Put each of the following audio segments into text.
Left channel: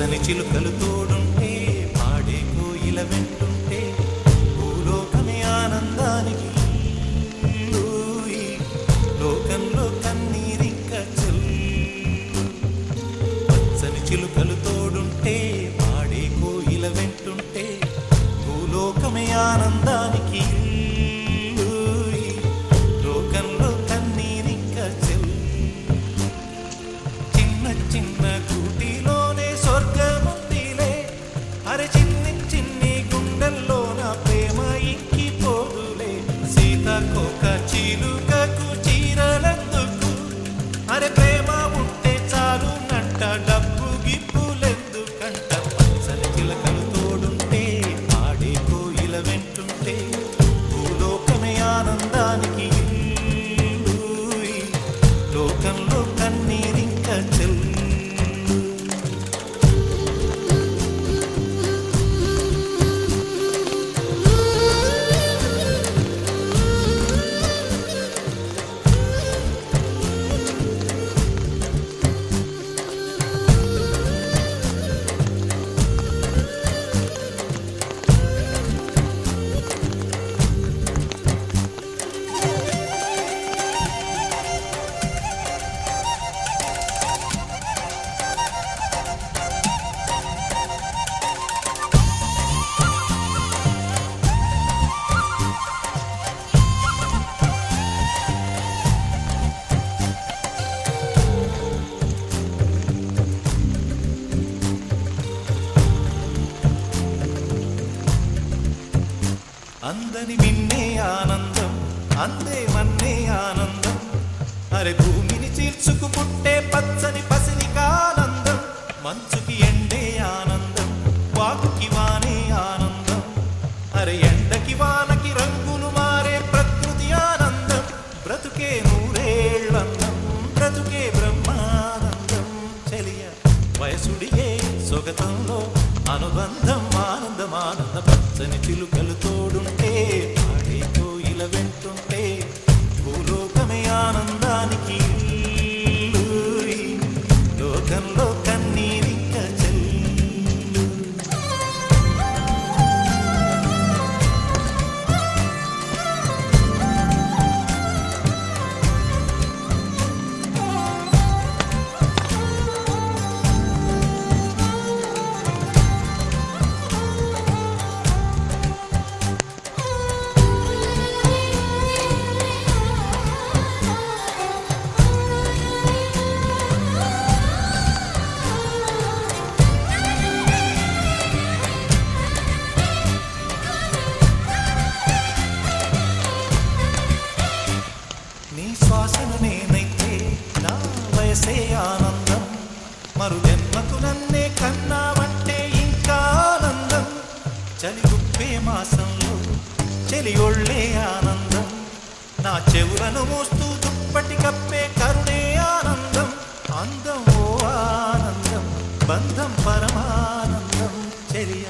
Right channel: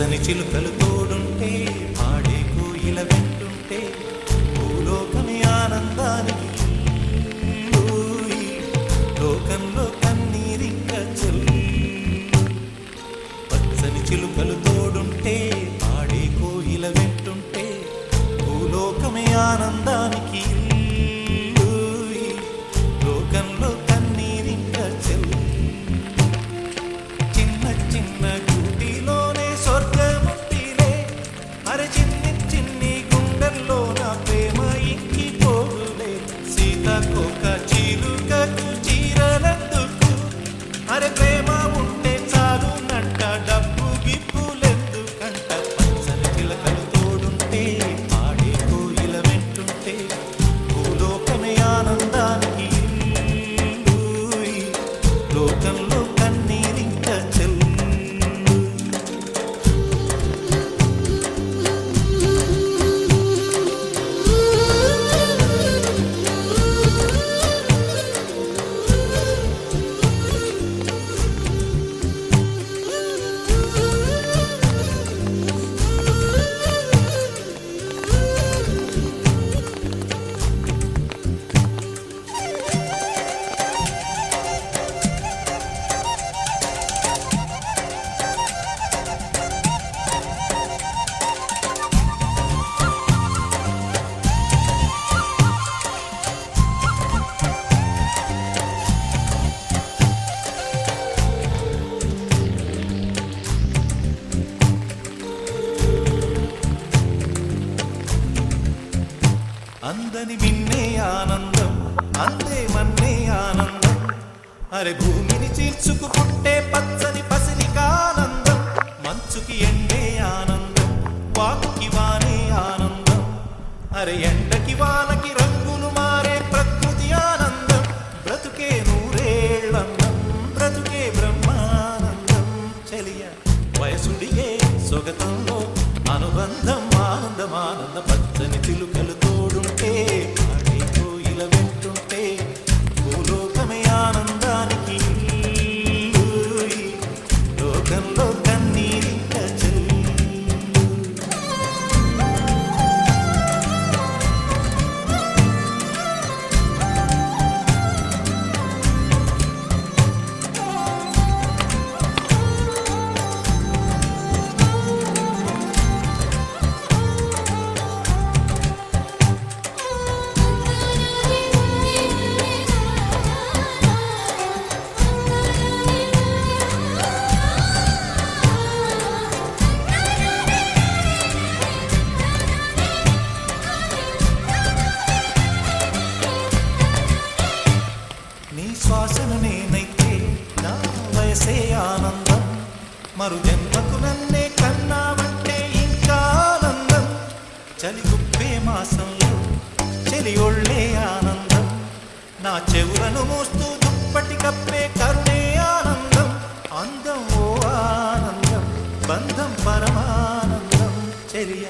పచ్చని చిలుకలు తోడుంటే పాడే కోయిల వెంటుంటే భూలోకమే ఆనందానికి లోకంలో కన్నీరింక చెల్లు పచ్చని చిలుకలు తోడుంటే పాడే కోయిల వెంటుంటే భూలోకమే ఆనందానికి లోకంలో కన్నీరింక చెల్లు చిన్న చిన్న గూటిలోనే స్వర్గముందిలే అరే చిన్ని చిన్ని గుండెల్లో నా ప్రేమ ఇంకిపోదులే సీతాకోక చిలుకకు చీరలందుకు అరే ప్రేమ ఉంటే చాలు నంట డబ్బు గిప్పులెందుకంట పచ్చని చిలకలు తోడుంటే పాడే కోయిల వెంటుంటే భూలోకమే ఆనందానికి లోకంలో కన్నీరింక చెల్లు అందని మిన్నే ఆనందం అందే మన్నే ఆనందం అరే భూమిని చీల్చుకు పుట్టే పచ్చని పసిలికానందం మంచుకి ఎండే ఆనందం వాకుకి వానే ఆనందం అరే ఎండకి వానకి రంగులు మారే ప్రకృతి ఆనందం బ్రతుకే నూరేళ్ళందం బ్రతుకే బ్రహ్మానందం చెలియ వయసుడిగే సొగతంలో అనుబంధం ఆనందం ఆనంద పచ్చని చిలుకలు తోడుంటే పాడే కోయిల వెంటుంటే భూలోకమే ఆనందానికి లోకంలో కన్నీరింక చెల్లు నీ శ్వాసను నేనైతే నా వయసే ఆనందం మరు జన్మకు నన్నే కన్నావంటే ఇంకా ఆనందం చలి గుప్పే మాసంలో చెలి ఒళ్ళే ఆనందం నా చెవులను మోస్తూ దుప్పటి కప్పే కరుణే ఆనందం అందం ఓ ఆనందం బంధం పరమానందం చెలియ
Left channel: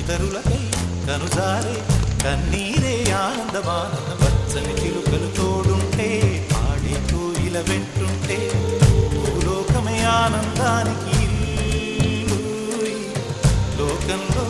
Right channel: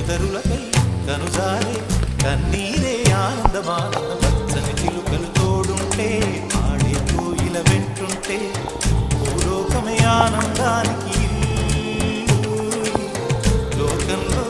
ఇతరులకై కనుజారే కన్నీరే ఆనందమానంద పచ్చని చిలుకలు తోడుంటే పాడే కోయిల వెంటుంటే భూలోకమే ఆనందానికి లోకంలో